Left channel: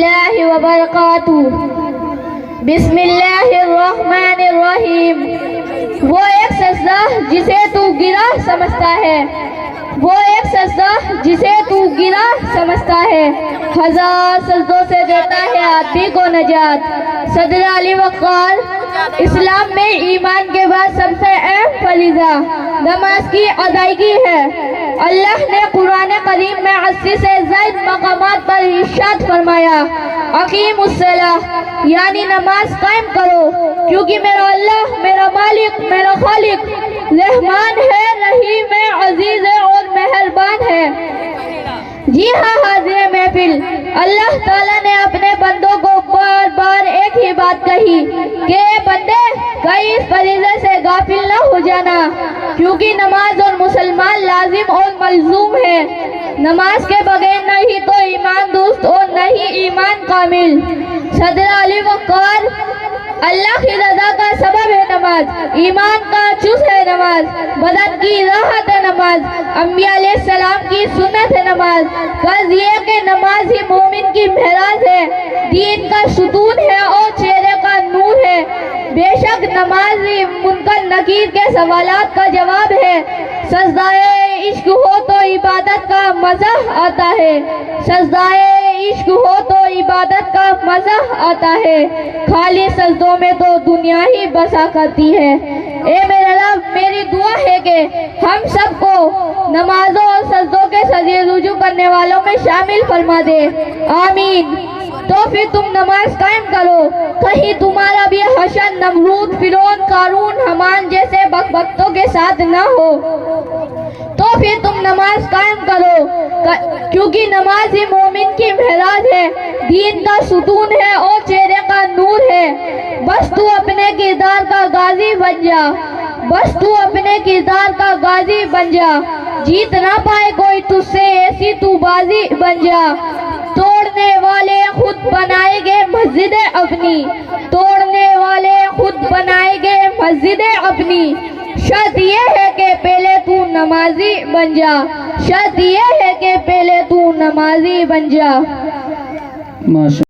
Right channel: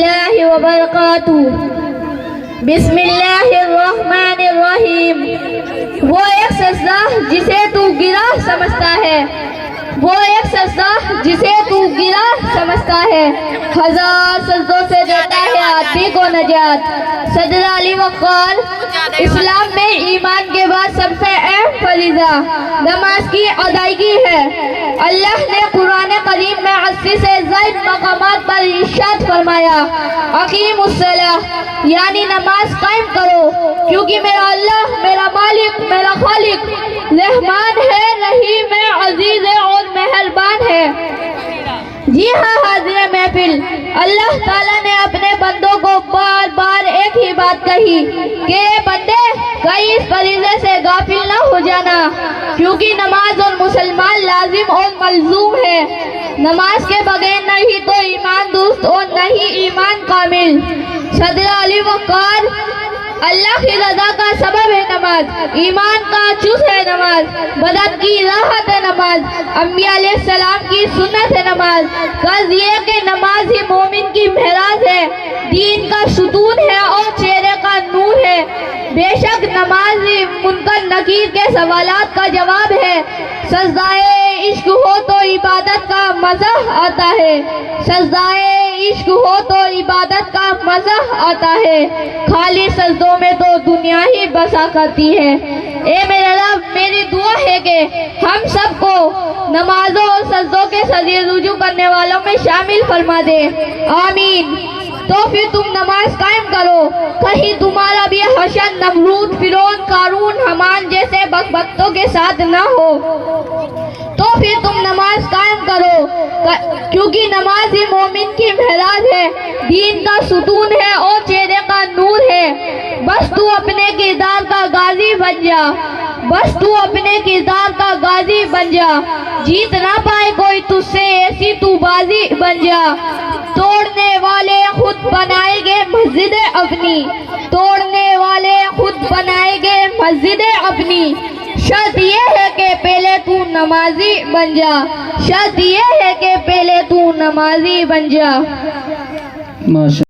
اللہ وبرکاتہ۔ بسم اللہ الرحمن الرحیم۔ وہ ایک سجدہ جسے تو گرا سمجھتا ہے، وہ ایک سجدہ جسے تو گرا سمجھتا ہے، ہزار سجدوں سے دیتا ہے آدمی کو نجات۔ صدر علی وقار، اسلام میں ایمان کے بعد سب سے اہم فریضہ نماز کی ادائیگی ہے۔ اللہ نے قرآن کریم میں 80 سے زائد مقامات پر ارشاد فرمایا، اقیم الصلاۃ، یعنی نماز قائم کرو، کیونکہ میرا اللہ، میرا مالک، میرا خالق رحمان ہے، رحیم ہے، عزیز ہے اور مہربان ہے۔ جی ہاں حاضر محفل، اللہ تعالیٰ نے اپنے بندوں کو بار بار ایک ہی بات کہی کہ اے بندے، کہیں اس فریضے سے غافل نہ ہو جانا، کیونکہ نماز اور مسلمان لازم اور ملزوم ہے۔ نماز کے بغیر نہ ہی تو ایمان درست اور نہ ہی ایمان کامل۔ صدر علی وقار، اللہ کی رضا کا سبب ہے نماز، ایمان کا جز ہے نماز، بدت کی راحت ہے نماز، انبیاء علیہ السلام کی سنت ہے نماز۔ غرض یہ کہ نماز ہی مومن کی معراج ہے، دین کا ستون ہے اور چہرے کا نور ہے۔ بے شک نماز ہی منکر نکیر کے سوالات کا جواب ہے۔ سجدہ عشق ہو تو عبادت کا مزہ آتا ہے، سجدہ عشق ہو تو عبادت کا مزہ آتا ہے، خالی سجدوں میں تو دنیا ہی بسا کرتی ہے۔ اے میرے رب، میری دعا ہے کہ ہم سب کو نمازوں اور سجدوں کے سجدے رجوع کرنے والوں میں شامل فرما دے، آمین۔ تو پھر تم نماز قائم کرو، کہیں تمہارا بھی حشر نمرود، فرعون، قارون، حمان جیسے بکبکتوں کے ساتھ نہ ہو۔ تو پھر تم نماز قائم کرو، کیونکہ نماز ہی مومن کی معراج ہے، دین کا ستون ہے اور چہرے کا نور ہے۔ بس تو اپنے کردار کا غازی بن جا، بس تو اپنے کردار کا غازی بن جا، جیت نہ پائے کوئی تجھ سے ایسی تو بازی بن جا۔ توڑنے والے خود بنائیں گے مسجد اپنی، توڑنے والے خود بنائیں گے مسجد اپنی، شرط یہ ہے کہ پہلے تو نمازی بن جا، شرط یہ ہے کہ پہلے تو نمازی بن جا۔